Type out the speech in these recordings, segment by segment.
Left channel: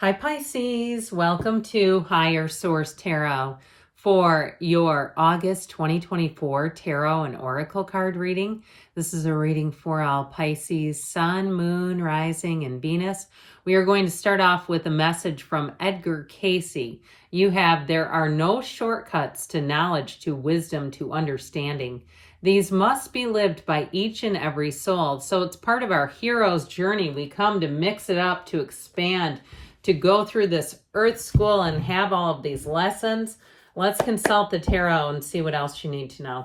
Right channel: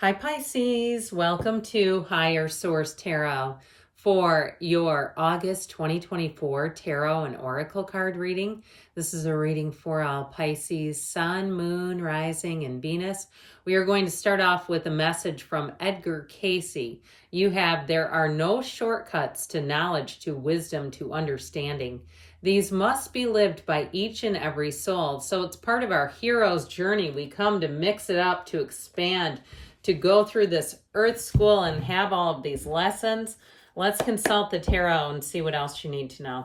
Hi Pisces, welcome to Higher Source Tarot for your August 2024 Tarot and Oracle card reading. This is a reading for all Pisces, Sun, Moon, Rising, and Venus. We are going to start off with a message from Edgar Casey. There are no shortcuts to knowledge, to wisdom, to understanding. These must be lived by each and every soul. So it's part of our hero's journey. We come to mix it up, to expand, to go through this earth school and have all of these lessons. Let's consult the tarot and see what else you need to know.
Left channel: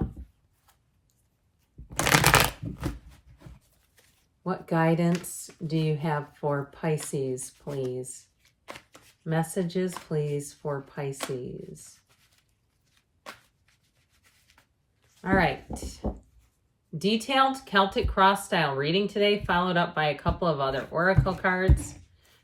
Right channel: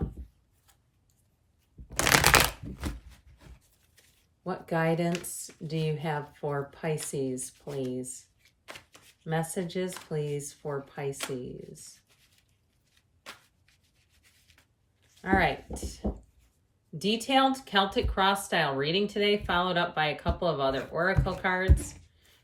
What guidance do you have for Pisces, please? Messages, please, for Pisces. All right. Detailed Celtic cross style reading today, followed up by a couple of other oracle cards.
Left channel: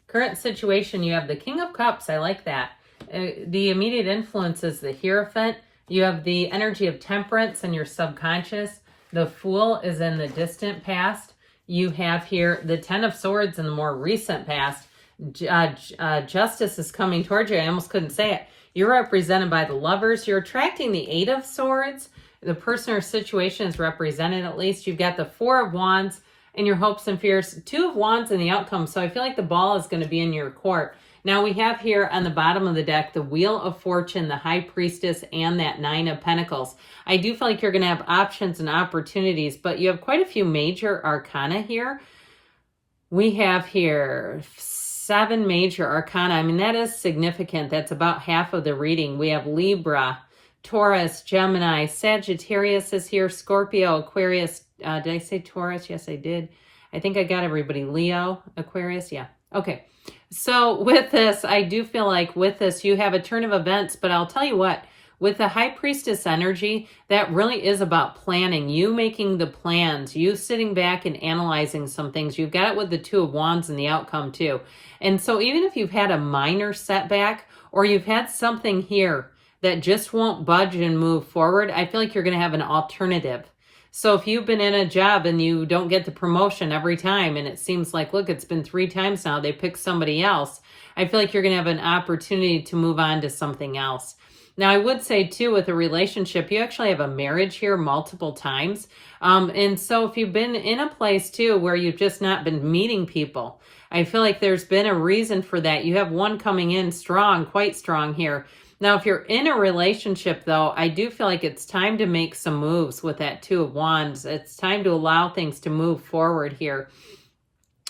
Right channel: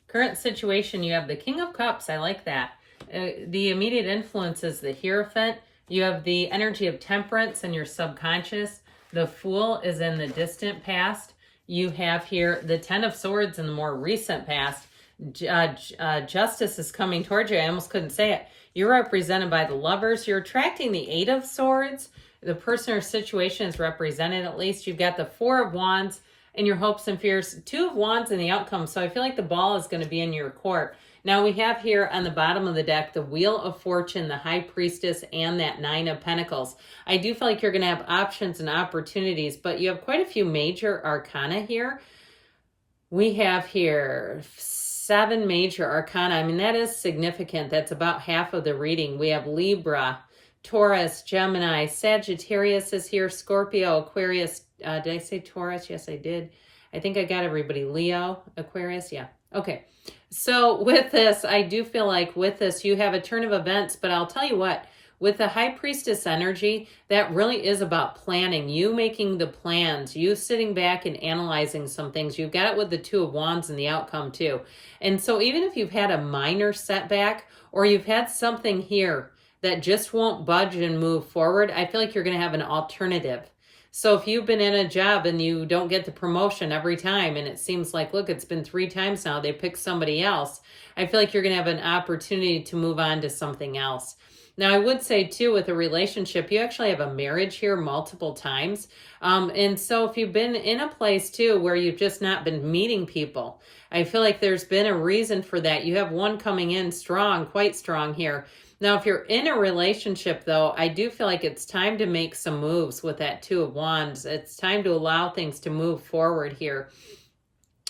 Current situation, you have the King of Cups. I like that. The immediate influence is the Hierophant. You have the energy of temperance and your subconscious. The Fool is in the distant past. You have here the Ten of Swords in the more recent past. Justice is coming towards you. I almost couldn't say it. You're represented by the Lovers. You're attracting the Eight of Swords. The person or situation is represented at least. You've got the Four of Wands and your hopes and fears. Two of Wands in the outcome. So I feel like the ball is going to be in your court. Now we have here on the bottom of the deck, the Wheel of Fortune, the High Priestess, and that Nine of Pentacles. I do feel like you're going to have options and opportunities, but you have quite a few major arcana here. We have here 7 major arcana. I mean, that is significant. That's about half of the reading. We have Libra, Taurus, Gemini, Sagittarius is here, Scorpio, Aquarius. Did I say Taurus? Yes, I did. I think I got everybody. Leo, Aquarius. Yeah. Okay. So with this, I do feel like with this, you have a turn of events, but I'll tell you what, with the High Priestess energy, that really is about planning, you making the plans, you sitting back and analyzing some things. You've got it with the Two of Wands in the outcome too. And so even if you've had a minor setback or you've had something here that just won't budge and move forward, I feel like you're going to have an alternative. So if you've been in a job and you don't get the promotion every time, and it seems like, look, it's been 3 times now, they picked somebody else, I feel like you're going to have an opportunity to move on to something else. Now, I would say, too, with a relationship, you actually have a marriage here multiple times. And so if you've been in a place, too, where you've just not been meeting people, I feel like there's been a reason for that. You have one coming in strong, quite strong here. Now, if you're in a relationship, though, I do feel like it's time to make some moves with that Two of Wands. It's time to allow things to move forward here.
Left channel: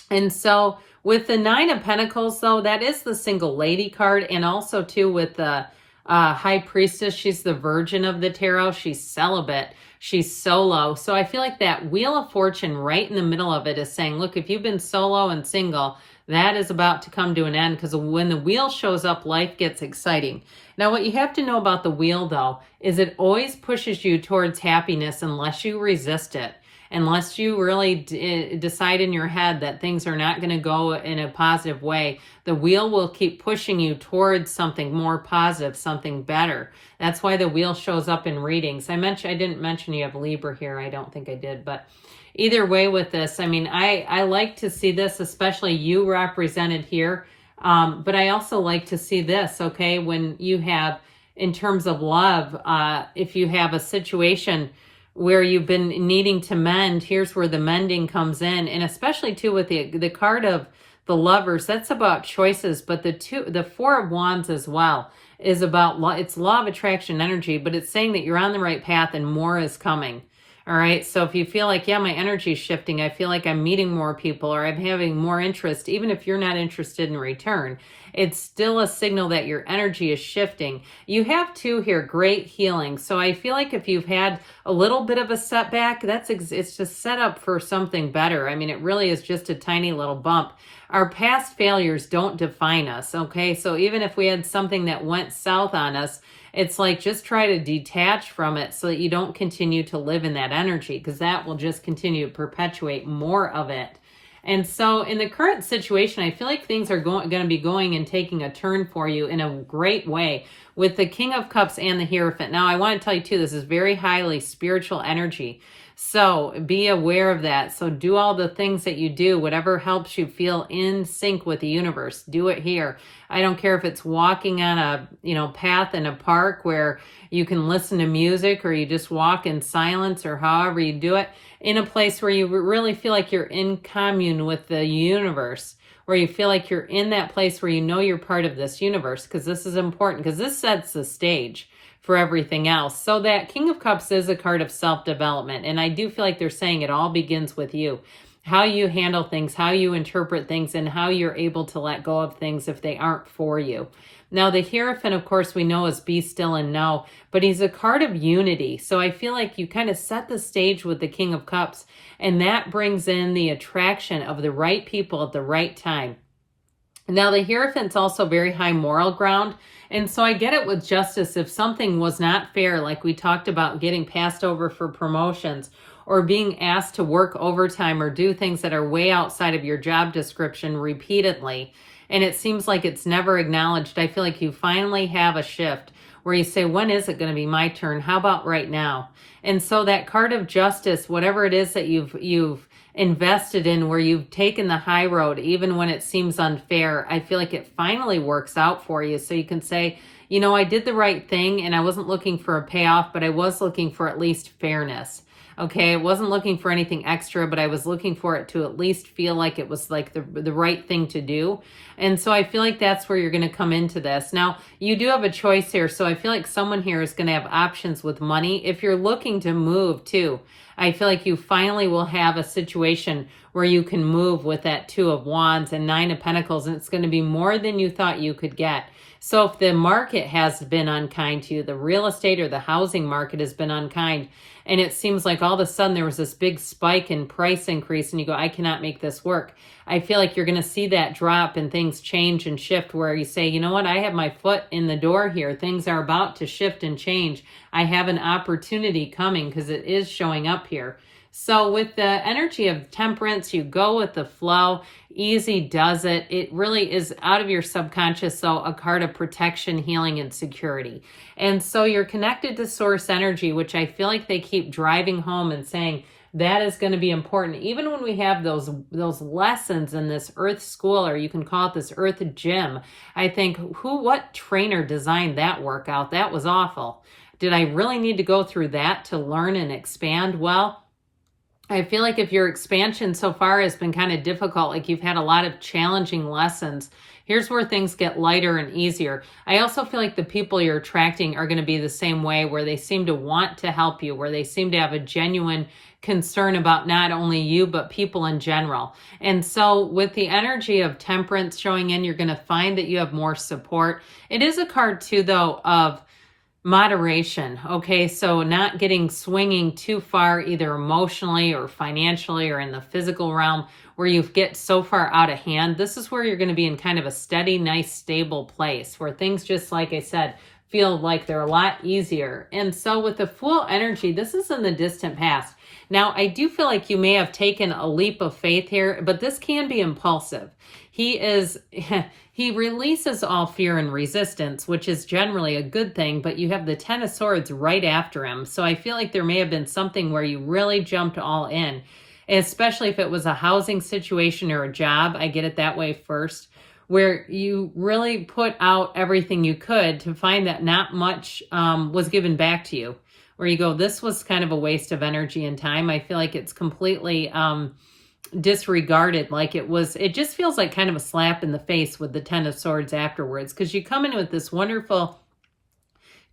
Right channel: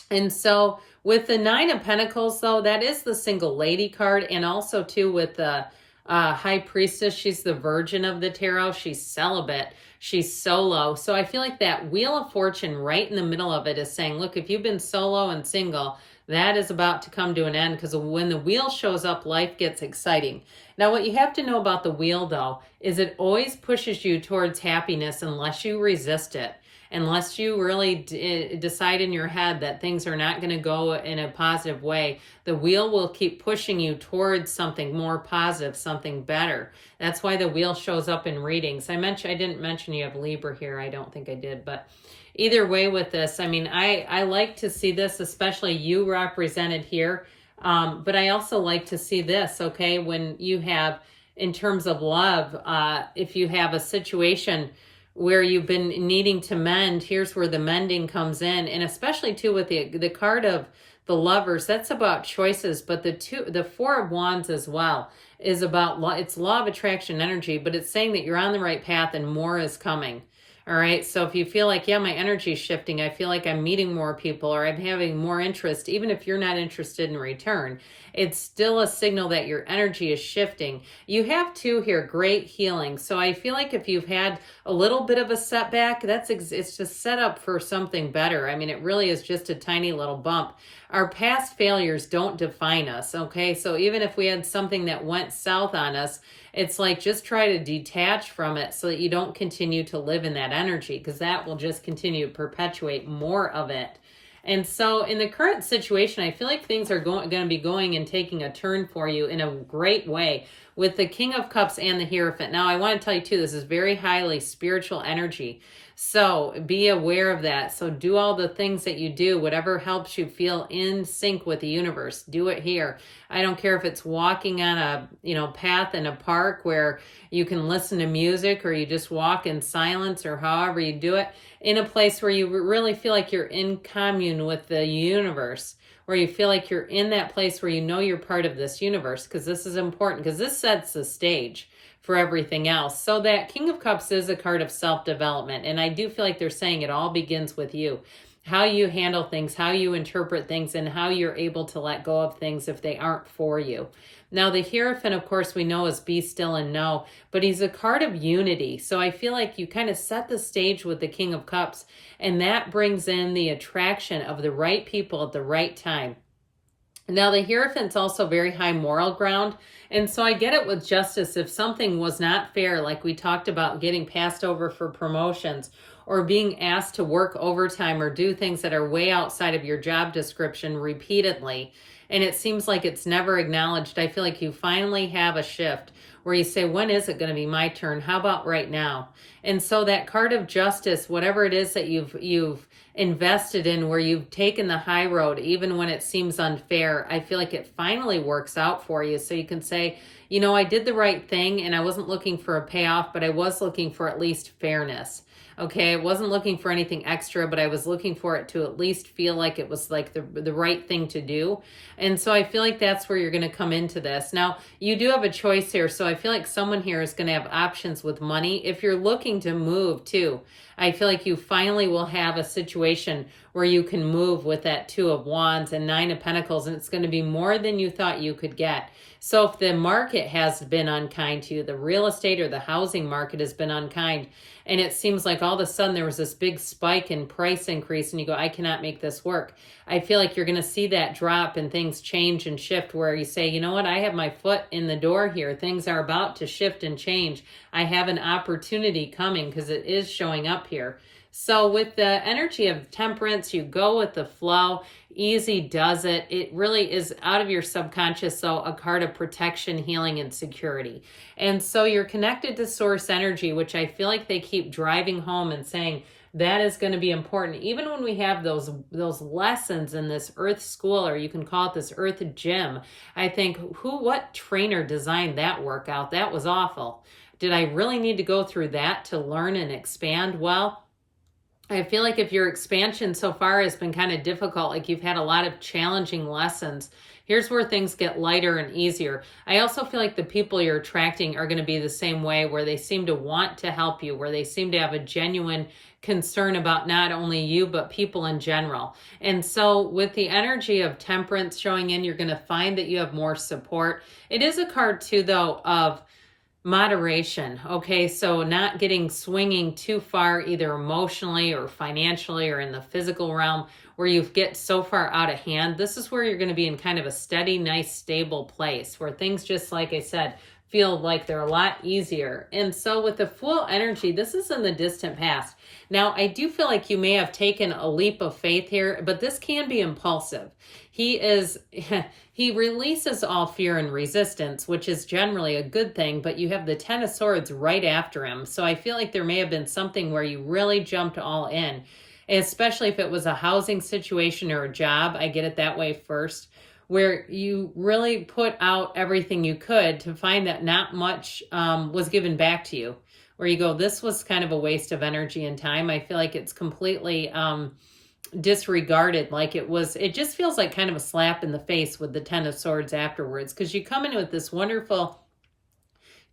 And so with the Nine of Pentacles, though, that is the single lady card. And also, too, with the High Priestess, she's the Virgin of the tarot. She's celibate. She's solo. So I feel like that Wheel of Fortune right in the middle of it is saying, look, if you've been solo and single, that is about to come to an end, because when the wheel shows up, life gets exciting. Now, what you have to know about the wheel, though, is it always pushes you towards happiness unless you resist it. Unless you really decide in your head that things are not going to go in a positive way, the wheel will keep pushing you towards something more positive, something better. That's why the wheel shows up in readings. I didn't mention you have Libra here. I don't think I did, but either way with this, I mean, I like to see this, especially you represented here. But I also like to see this, okay, when you have, in terms of love, if you have a situation where you've been needing to mend, here's where the mending comes in. And especially, too, with the card of the Lovers, that's about choices. But the Four of Wands as well is about, it's law of attraction energy, but it's saying that you're on the right path and more is coming. All right, so if you feel like, yeah, my energy is shifting, I feel like I'm meeting more people or I'm having more interest, even if you're not interested in return, it's still a signal that your energy is shifting. You have, too, here, great healing. So I feel like if you've had a little bit of a setback, it's just set up for something better. I mean, it really is just a tiny little bump. Our past failures don't define us, okay? So even if we had something that went south on us, it's like just try to detach from it so that you don't continue to live in that energy, because that will just continue to perpetuate more of it. And so in the current situation, I feel like things are going to be going and taking a turn for you in a great way with the King of Cups and the Hierophant. Now, I want to tell you, too, this is very highly spiritual energy. So be aware of that. So do all the things that you do, whatever helps you feel in sync with the universe. Do it here. I don't care if it's walking on a, path in a park where you can listen to music, or you just walk in silence, or however you do it, in a place where you really feel like you're in commune with the universe, where you feel like you're in that place where you know you're part of this universe, because this is important, because this sets the stage for everything else. So that King of Cups is a card of self-development. And I do feel like they're saying it all begins with you. How you handle things, how you interpret things, and how you're able to let go of things if they aren't for you. Now, the Hierophant, of course, we know is be still and know, but he's a card of unity. So I feel like you kind of set the stage with the King of Cups, and that brings in the attraction of the right people at the right time. Now, the Hierophant's also very high moral ground. And so I get it with justice. If something was not fair, like we talked about getting passed over for promotions, or being asked to work overtime, or do things that are way outside of your job description repeatedly, and it seems like it's never acknowledged, I feel like you finally have a shift where you say, when is it going to be my turn? How about right now? And so that card of justice, whatever it is that you've invested in, where you've taken the high road, even when it seems unfair, I feel like it finally works out for you. So you can say, I did the right thing, and I wasn't looking for a payoff, but I was looking for at least fairness. Okay, I wasn't looking for anything extra, but I was looking for it to at least feel like it was like the right thing to do. And so I feel like that's where you're going to come into this. Now, you do have a choice here. So I feel like someone here is going to have options with money. If you're looking to move too, I feel like you finally will have a situation where you can move with that Two of Wands and Nine of Pentacles, and it's going to be more than you thought you could get. So if the market has been unkind to you, the real estate or the housing market has been unkind, and it seems like all of a sudden there was this big spike in price increase, and you go, I cannot make this work. I feel like you're going to see that drop and things change and shift, where you say, you know what, I have my foot in the door here. Things are about to shift and change. I have an opportunity coming, because it is showing up here. So with the energy of Temperance, you go with the flow. Easy does it. It really is out of your subconscious, so a card of protection, healing, and security. And so you're connected to source energy, which I feel like they keep driving home and saying that is going to be important. Even when we have those lessons in this earth school, or you can call it this earth gym, I think, what trainer designed that workout? That was awful. Did I really need to go through that to learn and expand? Well, I feel like if your expansion so far has been kind of difficult, like you've had a lot of challenging lessons, here's where things get lighter and easier. I also feel like the people you're attracting are going to be the same way, where they seem to want to help you, where they seem to have a genuine concern about not only you, but people in general. And so with the energy of Temperance showing in, you're going to find that you have more support. It is a card too, though, of moderation. Okay, so not swinging too far, either emotionally or financially or in the physical realm, where you get so far out of hand. This is where you're going to be in kind of a steady, nice, stable place, where things, just like I said, feel like they're a lot easier. And so with the Fool energy, this is in the distant past. Now, I do feel like you may have taken a leap of faith here, but this can be impulsive. He releases all fear and resistance, which is generally a good thing, but you have the Ten of Swords right after him. So I feel like there may have been something where you really jumped all in, especially if it was a housing situation or a job. I get it that way first, where you really put out everything you could to find that not much was given back to you, where you go, this was kind of a waste of energy and time. I feel like it's completely disregarded. Like it just feels like kind of a slap in the face with the Ten of Swords afterwards, because you come in with this wonderful,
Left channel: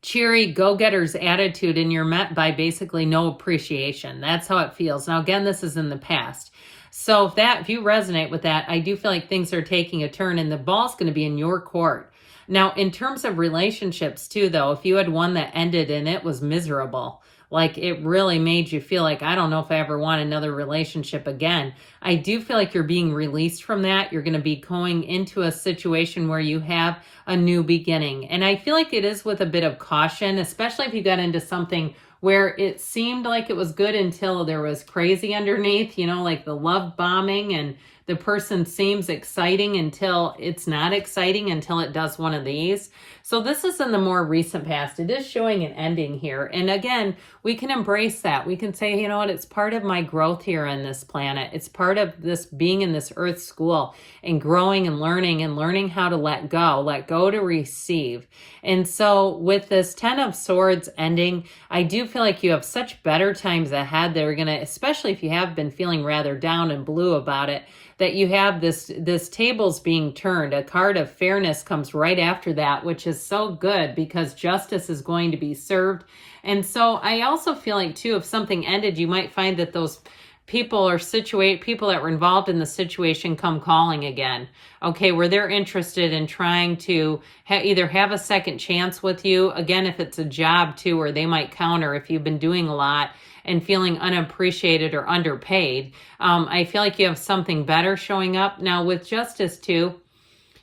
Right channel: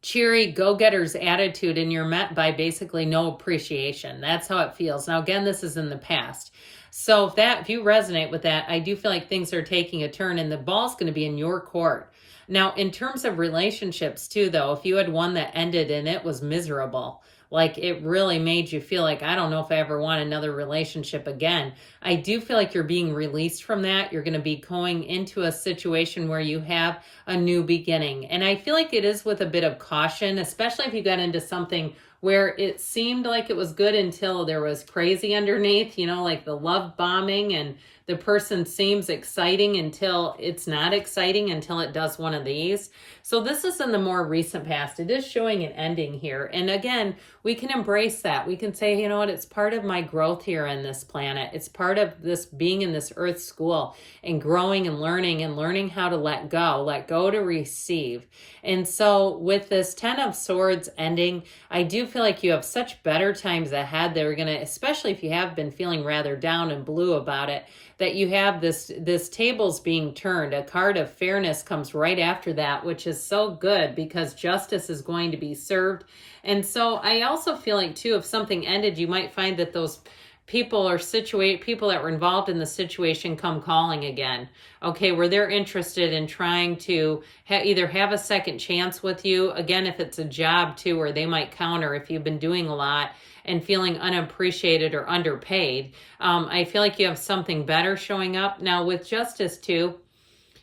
cheery, go-getter's attitude, and you're met by basically no appreciation. That's how it feels. Now, again, this is in the past. So if you resonate with that, I do feel like things are taking a turn, and the ball's going to be in your court. Now, in terms of relationships too, though, if you had one that ended and it was miserable, like it really made you feel like, I don't know if I ever want another relationship again, I do feel like you're being released from that. You're going to be going into a situation where you have a new beginning. And I feel like it is with a bit of caution, especially if you got into something where it seemed like it was good until there was crazy underneath, like the love bombing and The person seems exciting until it's not exciting, until it does one of these. So this is in the more recent past. It is showing an ending here. And again, we can embrace that. We can say, you know what, it's part of my growth here on this planet. It's part of this being in this earth school and growing and learning how to let go to receive. And so with this 10 of Swords ending, I do feel like you have such better times ahead. They're going to, especially if you have been feeling rather down and blue about it, that you have this tables being turned. A card of fairness comes right after that, which is so good because justice is going to be served. And so I also feel like too, if something ended, you might find that those people that were involved in the situation come calling again. Okay, where they're interested in trying to either have a second chance with you. Again, if it's a job too, where they might counter if you've been doing a lot and feeling unappreciated or underpaid. I feel like you have something better showing up. Now with Justice too,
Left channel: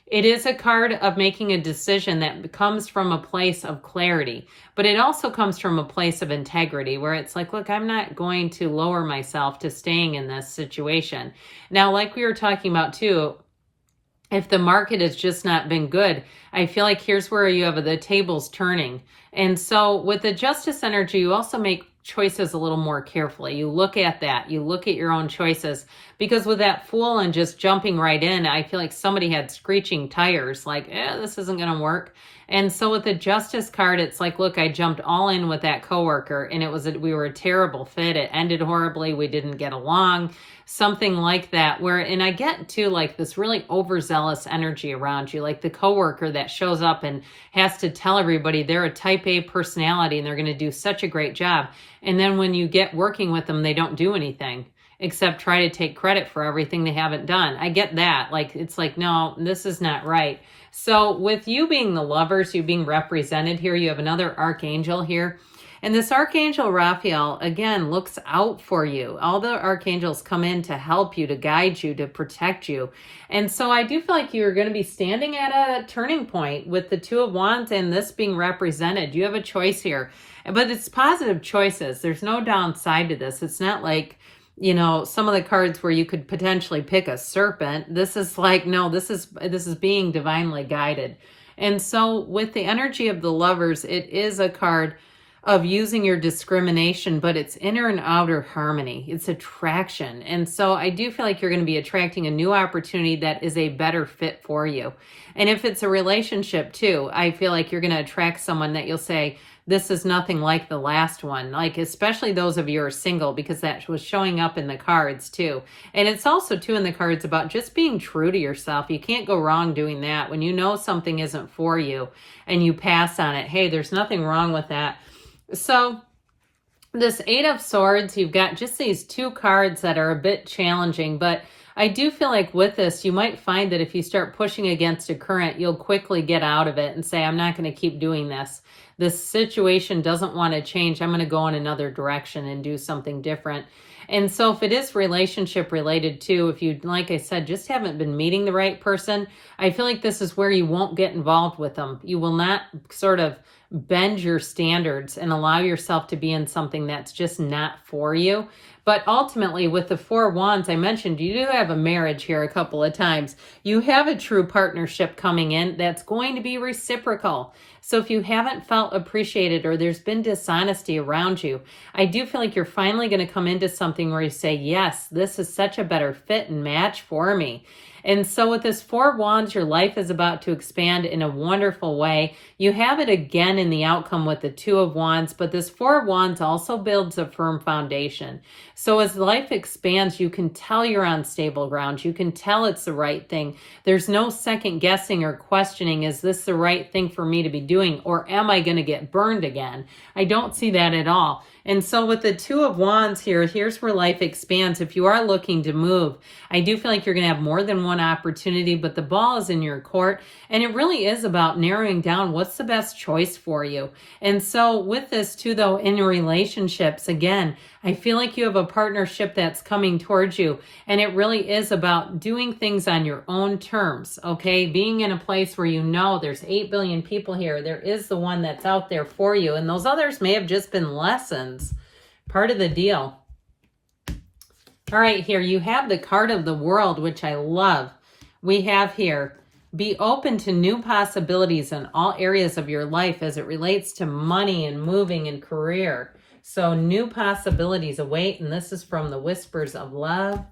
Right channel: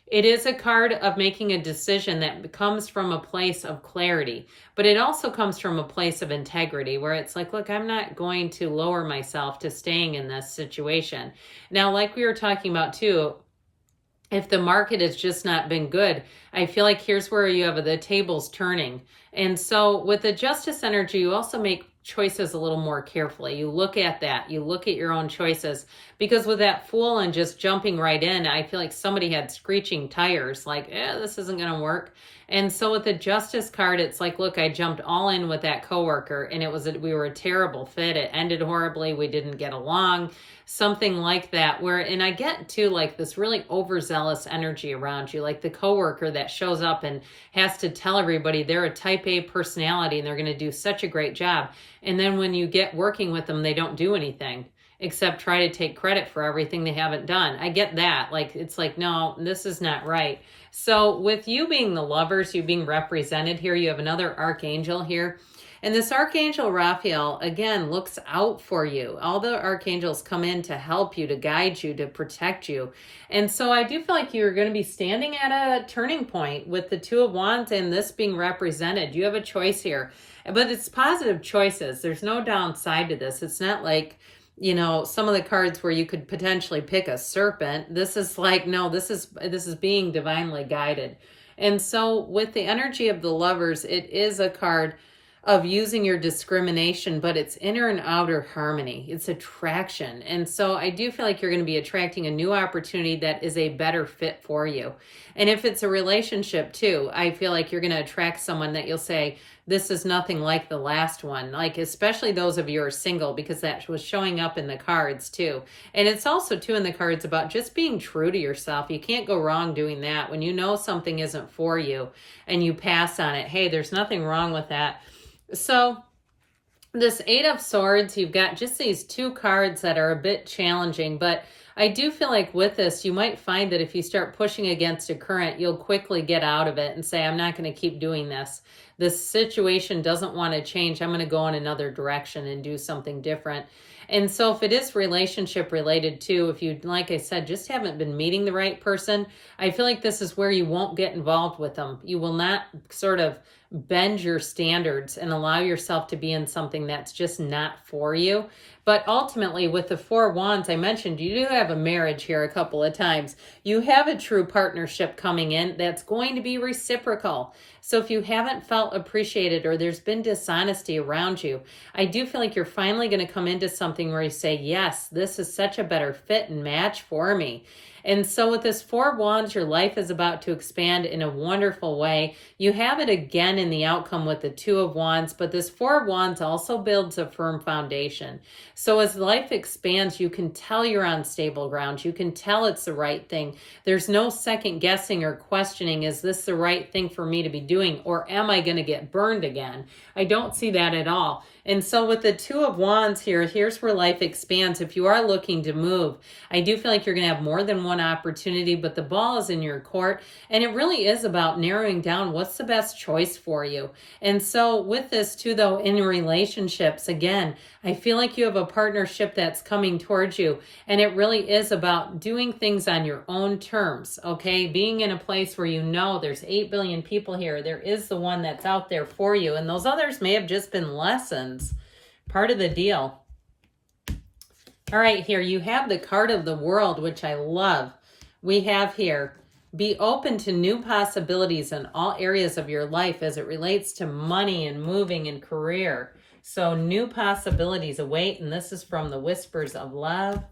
it is a card of making a decision that comes from a place of clarity, but it also comes from a place of integrity where it's like, look, I'm not going to lower myself to staying in this situation. Now, like we were talking about too, if the market has just not been good, I feel like here's where you have the tables turning. And so with the Justice energy, you also make choices a little more carefully. You look at that. You look at your own choices. Because with that Fool and just jumping right in, I feel like somebody had screeching tires. Like, this isn't going to work. And so with the Justice card, it's like, look, I jumped all in with that coworker and we were a terrible fit. It ended horribly. We didn't get along. Something like that and I get to like this really overzealous energy around you, like the coworker that shows up and has to tell everybody they're a type A personality and they're going to do such a great job. And then when you get working with them, they don't do anything except try to take credit for everything they haven't done. I get that. Like, it's like, no, this is not right. So with you being the Lovers, you being represented here, you have another Archangel here. And this Archangel Raphael, again, looks out for you. All the archangels come in to help you, to guide you, to protect you. And so I do feel like you're going to be standing at a turning point with the Two of Wands and this being represented. You have a choice here. But it's positive choices. There's no downside to this. It's not like, you know, some of the cards where you could potentially pick a serpent. This is like, no, this is being divinely guided. And so with the energy of the Lovers, it is a card of using your discrimination, but it's inner and outer harmony. It's attraction. And so I do feel like you're going to be attracting a new opportunity that is a better fit for you. And if it's a relationship too, I feel like you're going to attract someone that you'll say, this is nothing like the last one. Like, especially those of you who are single, because that was showing up in the cards too. And it's also too in the cards about just being true to yourself. You can't go wrong doing that. When you know something isn't for you and you pass on it, hey, there's nothing wrong with that. So this Eight of Swords, you've got just these two cards that are a bit challenging, but I do feel like with this, you might find that if you start pushing against a current, you'll quickly get out of it and say, I'm not going to keep doing this. This situation doesn't want to change. I'm going to go in another direction and do something different. And so if it is relationship related too, if you, like I said, just haven't been meeting the right person, I feel like this is where you won't get involved with them. You will not sort of bend your standards and allow yourself to be in something that's just not for you. But ultimately, with the Four of Wands, I mentioned you do have a marriage here a couple of times. You have a true partnership coming in that's going to be reciprocal. So if you haven't felt appreciated or there's been dishonesty around you, I do feel like you're finally going to come into something where you say, yes, this is such a better fit and match for me. And so with this Four of Wands, your life is about to expand in a wonderful way. You have it again in the outcome with the Two of Wands, but this Four of Wands also builds a firm foundation. So as life expands, you can tell you're on stable ground. You can tell it's the right thing. There's no second guessing or questioning, is this the right thing for me to be doing, or am I going to get burned again? I don't see that at all. And so with the Two of Wands here, here's where life expands. If you are looking to move, I do feel like you're going to have more than one opportunity, but the ball is in your court. And it really is about narrowing down what's the best choice for you. And so with this too, though, in relationships, again, I feel like you have a partnership that's coming towards you. And it really is about doing things on your own terms, okay? Being in a place where you know there's 8 billion people here. There is the one that's out there for you. And those others may have just been lessons, part of the deal. All right, here you have the card of the World, which I love. We have here, be open to new possibilities in all areas of your life as it relates to money and moving and career. So new possibilities await, and this is from the Whispers of Love.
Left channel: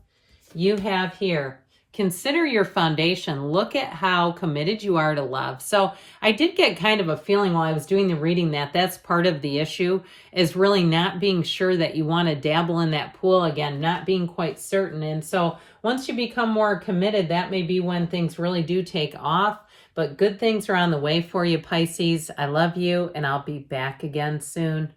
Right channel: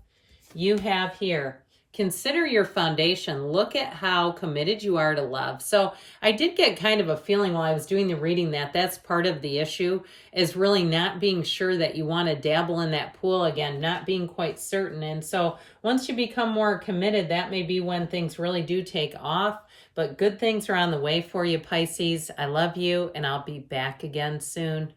You have here, consider your foundation. Look at how committed you are to love. So I did get kind of a feeling while I was doing the reading that that's part of the issue, is really not being sure that you want to dabble in that pool again, not being quite certain. And so once you become more committed, that may be when things really do take off. But good things are on the way for you, Pisces. I love you, and I'll be back again soon.